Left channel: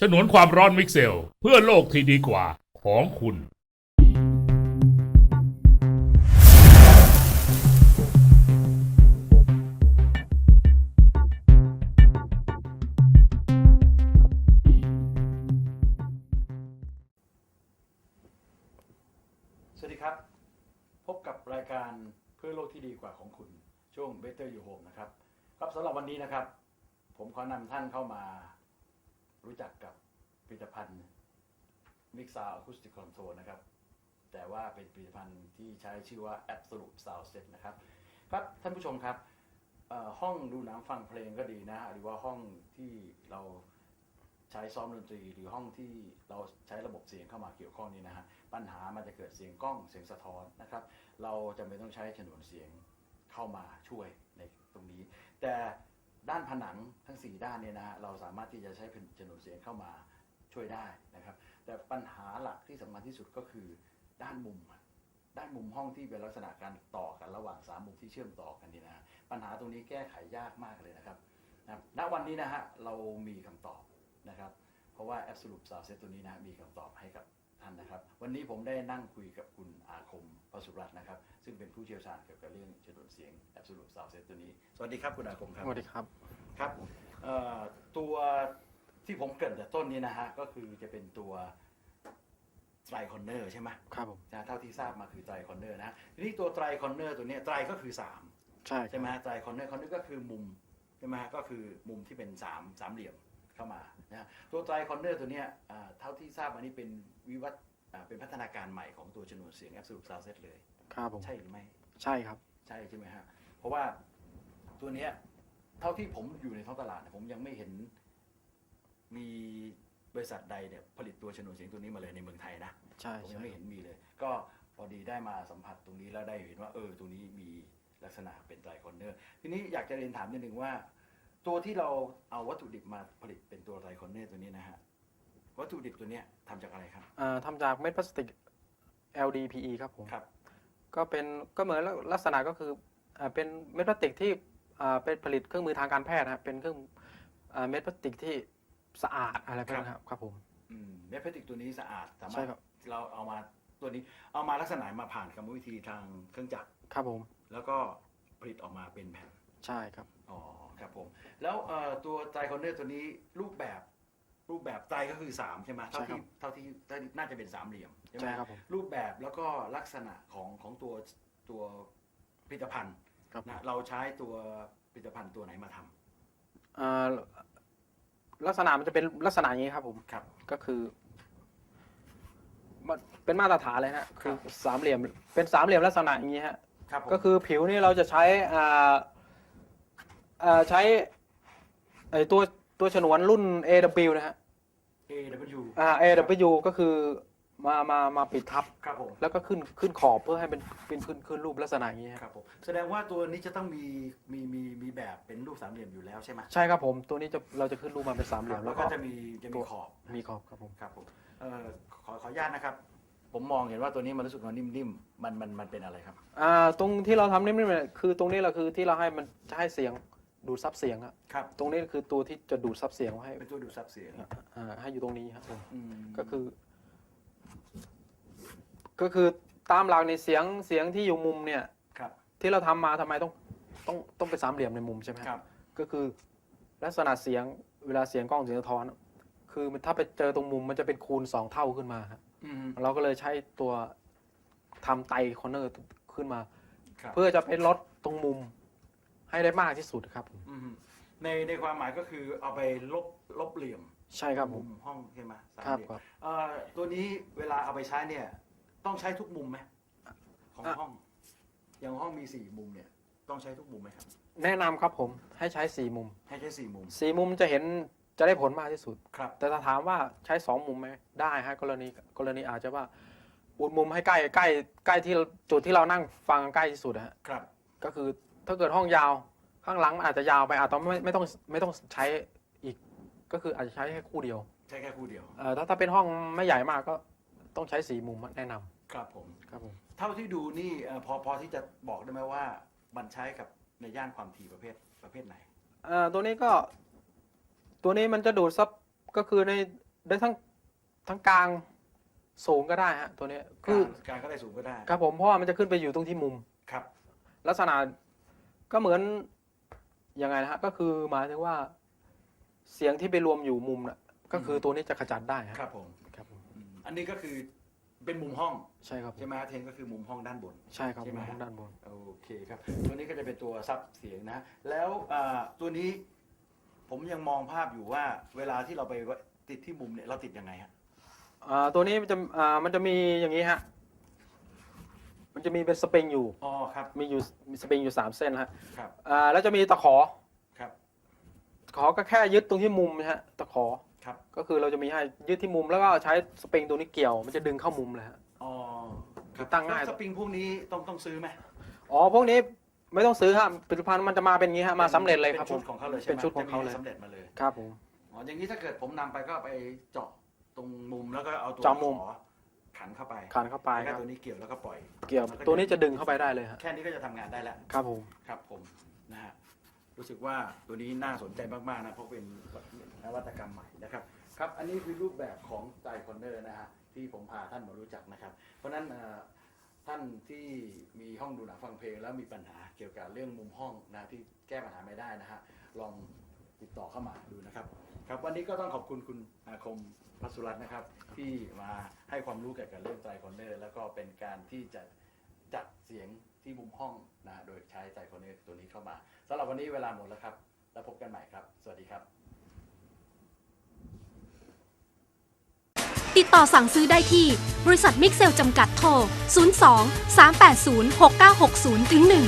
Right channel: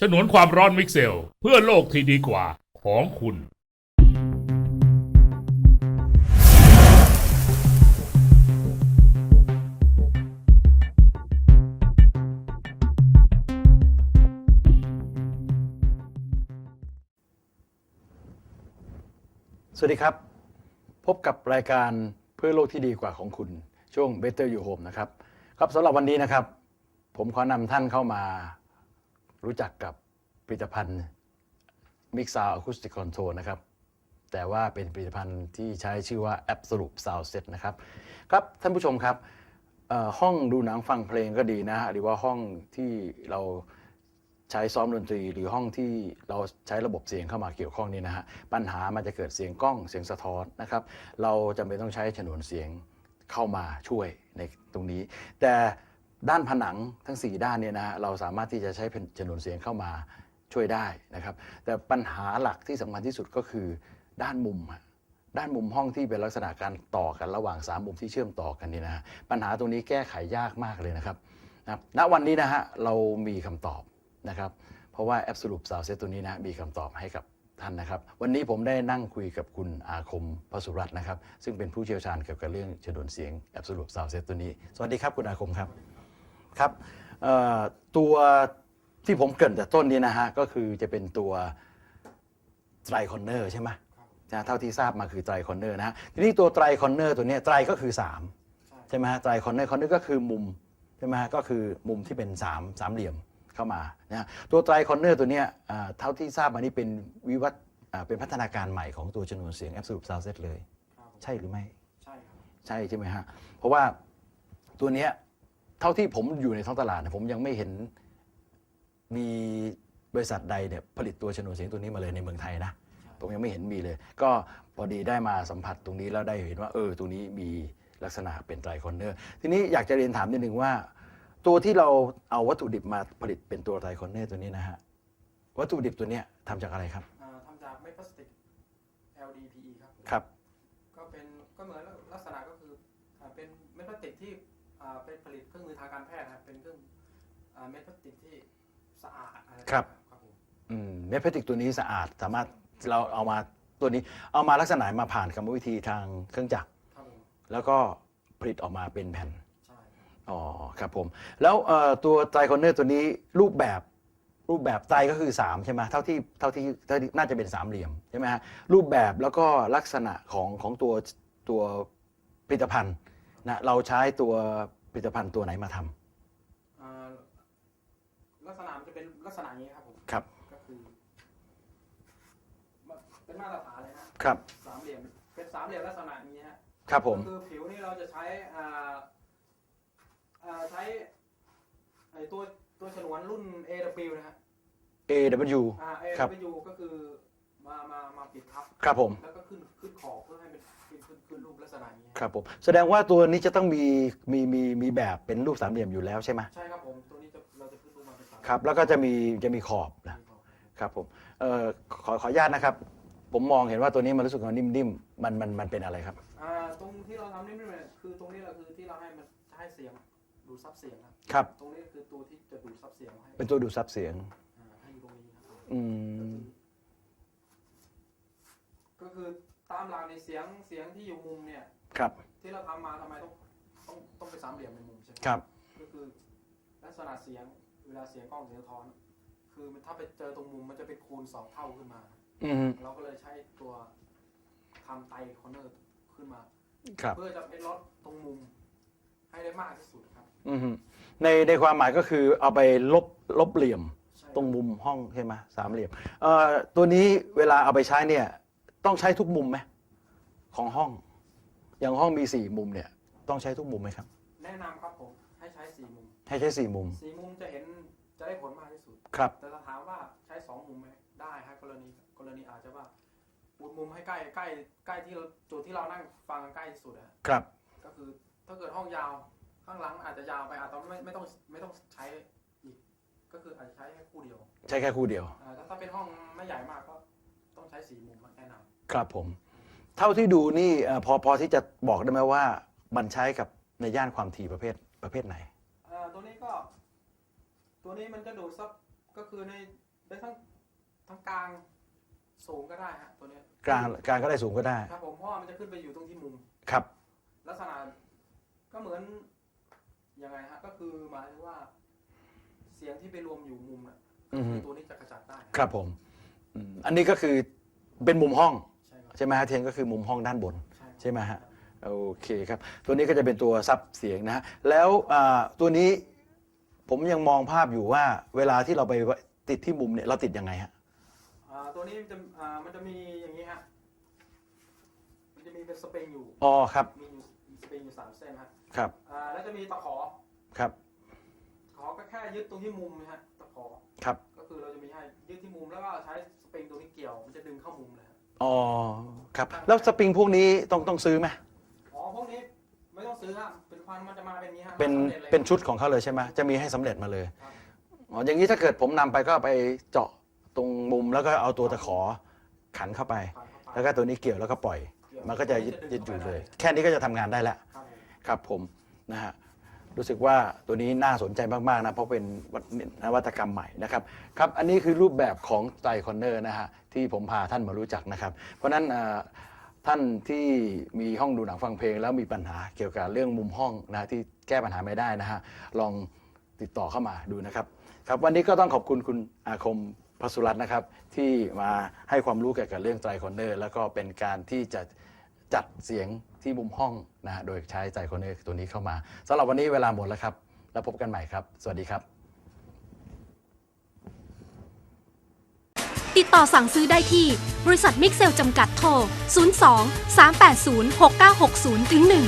ฉนวนความร้อนมิกเซล เพื่อโลกที่ดีกว่าของคุณ สวัสดีครับ พบกับรายการเพื่อโลกที่ดีกว่าของคุณ ช่วง Better You Home นะครับ ครับสำหรับวันนี้นะครับ ผมขอนำท่านเข้ามา รู้จักกับผลิตภัณฑ์ Mix Sound Acoustic Control นะครับ แต่ว่าเป็นผลิตภัณฑ์ที่ใช้ชื่อว่า Absolute Sound Set นะครับ ครับท่านผู้ชมครับห้องดูหนังฟังเพลงก็ดีนะฮะหรือว่าห้องที่เราใช้ซ้อมดนตรี หรือห้องที่เราใช้ระบบเสียงเข้ามาเกี่ยวข้องนี่นะฮะปัญหามันจะเกิดเสียงกล้องเสียงสะท้อนนะครับ เราจำเป็นต้องใช้ฉนวนเสียงเข้ามาช่วยในตรงนี้ แต่ ด้านผนังทั้ง 4 ด้านเนี่ยนะฮะเราสามารถที่จะใช้ฉนวนเสียงเข้ามาช่วยได้นะครับ แต่ปัญหาหลักที่สำคัญที่สุดก็คือด้านมุม ด้านมุมห้องที่เป็นลักษณะการต่อกันระหว่าง 3 มุมที่เชื่อมต่อกันนี่นะฮะปัญหาตรงนี้แก้ไขยากมากเลยนะครับนะณวันนี้นะฮะเรามีคำตอบนะครับ เพราะว่า Absolute Sound Set ตัวนี้นะมีคำตอบให้กับ ท่านนะครับ วันนี้ผมได้นั่งคุยกับคุณอาคมพสุรัตน์นะครับ ซึ่งเป็นผู้เชี่ยวชาญเกี่ยวกับเรื่องฉนวนเสียง Absolute Sound Set ตัวนี้ สวัสดีครับคุณอาคมครับสวัสดีครับครับเอ่อตัวที่ผมเกรินแต่ต้นนี้นะฮะก็คือจะเป็นตัวไตรคอนเนอร์ใช่ไหมครับผมนะเท่าที่ทราบมาคือไตรคอนเนอร์นะฮะทีนี้ตัวไตรคอนเนอร์ตัวเนี้ยไตรก็คือ 3 ใช่ใช่ไหมฮะไตรคอนเนอร์คอนเนอร์ก็คือมุมใช่ไหมฮะก็คือมุมที่เป็น3ามสามเหลี่ยม เข้ามานะฮะตัวไตรคอนเนอร์ตัวเนี้ยอ่าเท่าที่ทราบมานี่เป็นวิวัฒน์อ่าเป็นพัฒนาการใหม่ของตัวชนวนเสียง Absolute Sound Set เลยครับผมใช่หรือไม่ ใช่ครับ ใช่ใช่ไหมฮะเพราะว่าตัวเนี้ยเท่าที่ผมอยู่ในท้องตลาดเนี่ยผมยังไม่เห็นมีบริษัทใดเนี่ยผลิตตัวชนวนเสียงตัวนี้มาเลยในเมืองไทยนะใช่ผมยังไม่เห็นมีเลย ก็พอดีได้มาสัมผัสตรงนี้แล้วได้เห็นว่าเออตัวนี้มีลักษณะเป็นไตรคอนเนอร์ทีนี้อยากจะเรียนถามนิดนึงว่า ตัวที่เราเอาวัตถุดิบมาผลิตเป็นตัวไตรคอนเนอร์ตัวนี้นะฮะวัตถุดิบตัวเนี้ยทำจากอะไรครับ อ่าทำจากเม็ดพลาสติก LDPE ครับผมครับ ก็เป็นก็เหมือนลักษณะก็คืออ่าเป็นเม็ดพลาสติกที่อ่าเป็นผลิตเครื่องมือทางการแพทย์นะครับเป็นเครื่องอ่าเม็ดพลาสติกที่สะอาดอะไรแบบนี้ครับครับผม อืมเม็ดพลาสติกตัวนี้สะอาดสามารถใช่ครับ เราเอามาตัวนี้ เอามาลักษณะมาผ่านกรรมวิธีทางเครื่องจักร ครับผม แล้วก็ผลิตออกมาเป็นแผ่น ใช่ครับ อ๋อครับผม แล้วเอ่อตัวไตรคอนเนอร์ตัวนี้รูปแบบรูปแบบไตรก็คือ 3 ใช่ไหมเท่าที่เท่าที่เท่าที่น่าจะเป็นสามเหลี่ยมใช่ไหมฮะครับผมรูปแบบแล้วก็ลักษณะของของตัวตัวผลิตภัณฑ์ครับ นะเราใช้ตัวผลิตภัณฑ์ตัวไหนมาทำอ่าลักษณะมันจะเป็นลักษณะอย่างนี้ครับผม ครับ ก็คือมันเป็นมาตรฐานเลยนะครับ สามเหลี่ยม เป็นสามเหลี่ยมลักษณะอย่างนี้ฮะ ครับผมก็คือผิวนี่เราจะใช้อ่า อ่าใช้ไอตัวตัวฉนวนรุ่น AW นะฮะ AW อ่า AW ก็คือมามามาปิดทับ ครับผม แล้วก็ขึ้นขึ้นขอบเพื่อให้เป็นเป็นขึ้นขึ้นรูปลักษณะอย่างนี้ฮะครับผม แสดงว่าตัวนี้จะต้องมีมีมีมีแบบเป็นรูปสามเหลี่ยมอยู่แล้วใช่ไหมใช่ครับผม ตัวนี้จะเราจะขึ้นรูปมาเป็นสามเหคลี่รัยบมแล้วก็จะมีจะมีขอบนะมีขอบครับผม ครับผมเอ่อขอขออนุญาตนะครับ ผมมองเห็นว่าตัวนี้มันรู้สึกว่านิ่มๆมันมันมันเป็นอะไรครับ อ่าตรงที่เราทำนี่ไม่เป็นคือตรงนี้แหละคือที่เราให้มันจะให้เสียง ดูดซับเสียงอะครับ ตรงนี้คือตัวที่จะดูดซับเสียงให้เป็นตัวดูดซับเสียงอ่าให้อยู่ตรงนี้ครับผมอืมก็คือ ก็คือตามหลักในเสียงเสียงที่อยู่มุมเนี่ย ครับ ที่เราทำมาทำไมต้องต้องต้องเป็นสามเหลี่ยมในมุมใช่ไหมครับ ก็คือ ลักษณะเสียงเวลาเสียงกล้องเสียงสะท้อน คือมันถ้าไปเจอตรงมุมมันจะเป็นคูณสองเท่าขึ้นมาฮะอืมเราก็เลยใช้ตัวทำไตคอนเนอร์ขึ้นมา ครับ เพื่อจะไปลดตรงมุม ให้ได้มากที่สุดครับผมอืมในในความหมายก็คือเอาไปลบลบเหลี่ยมใช่ตครรับงมุมห้องใช่ไหมสามเหลี่ยมครับเอ่อตัวนี้เวลาเอาไปใช้เนี่ยต้องใช้ทุกมุมไหมของห้อง อย่างห้องมีสี่มุมเนี่ยต้องใช้ทุกมุมไหมครับ แนะนำครับผมให้ใช้สี่มุมให้ใช้สี่มุมสี่มุมจะเห็นจะได้ผลมากที่สุด ครับ แต่ถ้าถามว่าใช้สองมุมไหมได้ฮะกรณีกรณีอาจจะว่าอุดมุมให้ใกล้ใกล้ใกล้ที่จุดที่เรานั่งฟังใกล้ที่สุดนะฮะครับ ก็คือ ถ้าเกิดห้องยาวข้างหลังมันอาจจะยาวไปอาจจะไม่ไม่ต้องไม่ต้องใช้อีก ก็คืออาจจะใช้แค่คู่เดียวใช้แค่คู่เดียว เอ่อถ้าถ้าเป็นห้องไม่ใหญ่มากก็ต้องใช้สี่มุมแนะนำครับผม ครับผมเท่าที่ดูนี่เอ่อพอพอที่จะบอกได้ไหมว่ามันใช้กับในย่านความถี่ประเภทประเภทไหน เอ่อตัวนี้ก็ ตัวนี้มันจะดูดซับก็คือในได้ทั้งทั้งกลางสูงก็ได้ฮะตัวเนี้ยกลางคือกลางก็ได้สูงก็ได้ ครับผมเพราะว่ามันจะขึ้นไปอยู่ตรงที่มุม ครับ ลักษณะ ก็เหมือนยังไงนะฮะก็คือหมายถึงว่า เสียงที่ไปรวมอยู่มุมน่ะก็คือออฮึตัวนี้จะขจัดได้ฮะครับผมครับผมอืมอันนี้ก็คือเป็นมุมห้อง ใช่ครับใช่ไหมฮะเทียนก็คือมุมห้องด้านบน ใช่ครับใช่ไหมฮะ ด้านบนโอเคครับ ตัวนี้ก็จะเป็นตัวซับเสียงนะฮะ แล้วอ่าตัวนี้ผมยังมองภาพอยู่ว่า เวลาที่เราไปติดที่มุมเนี่ยเราติดยังไงฮะ อ่าตัวนี้มันจะอ่ามันจะมีอย่างนี้ฮะมัน จะมีเป็นสปริงอยู่ อ๋อครับ มีอยู่มีสปริงอยู่สามเส้นฮะครับอ่าแล้วจะมีตะขอครับตะขอก็แค่ยึดตรงที่มุมนะฮะตะขอครับก็คือเราจะมีให้ยึดที่มุมแล้วก็ใช้สปริงตัวนี้เกี่ยวมันจะดึงเข้ามุมเลยฮะ อ๋อครับตั้งได้แล้วสปริงพวกนี้ต้องต้องซื้อไหมอ๋อพวกนี้ไม่ต้องซื้อฮะผลิตภัณฑ์มันจะมาเป็นอย่างนี้ฮะมาสำเร็จเลยเป็นครับชุดของเขาเลยใช่ไหมเป็นชุดของจะมีเขาให้สำเร็จมาเลยครับผม อ๋ออย่างนี้ถ้าเกิดผมนำไปก็ไปเจาะตรงมุมแล้วก็เอาตัวเจาะตะมุขมอ ขันเข้าไปคานเข้าไปแล้วก็ตัวนี้เกี่ยวแล้วก็ปล่อยเกี่ยวมัก็ตัวนี้จะดึงเข้าไปได้เลยฮะแค่นี้ก็จะทำงานได้แล้วครับผมครับผมนะฮะรู้สึกว่าตัวนี้น่าสนใจมากๆนะเพราะเป็นนวัตกรรมใหม่นะครับครับอันนี้คือรูปแบบของไตรคอนเนอร์นะฮะที่ผมพาท่านมารู้จักนะครับ เพราะฉะนั้นอ่าท่านที่มีห้องดูหนังฟังเพลง แล้วมีปัญหาเกี่ยวกับเรื่องมุมห้องนะที่แก้ปัญหาไม่ได้นะฮะลองติดต่อเข้ามาดูนะครับครับวันนี้ก็ต้องขอบคุณคุณอาคม พสุรัตน์นะครับ ที่มาให้ความรู้เกี่ยวกับเรื่องไตรคอนเนอร์ แล้วก็เป็นการที่จะจัดเสียงที่มุมห้องนะฮะโดยใช้ไตรคอนเนอร์ตัวนี้เข้ามาสำหรับวันนี้เวลาหมดแล้วครับ แล้วพบกันใหม่ครับ สวัสดีครับ ติดต่อสั่งซื้อได้ที่ บริษัทมิกเซลจำกัดโทร 02 380 6960 1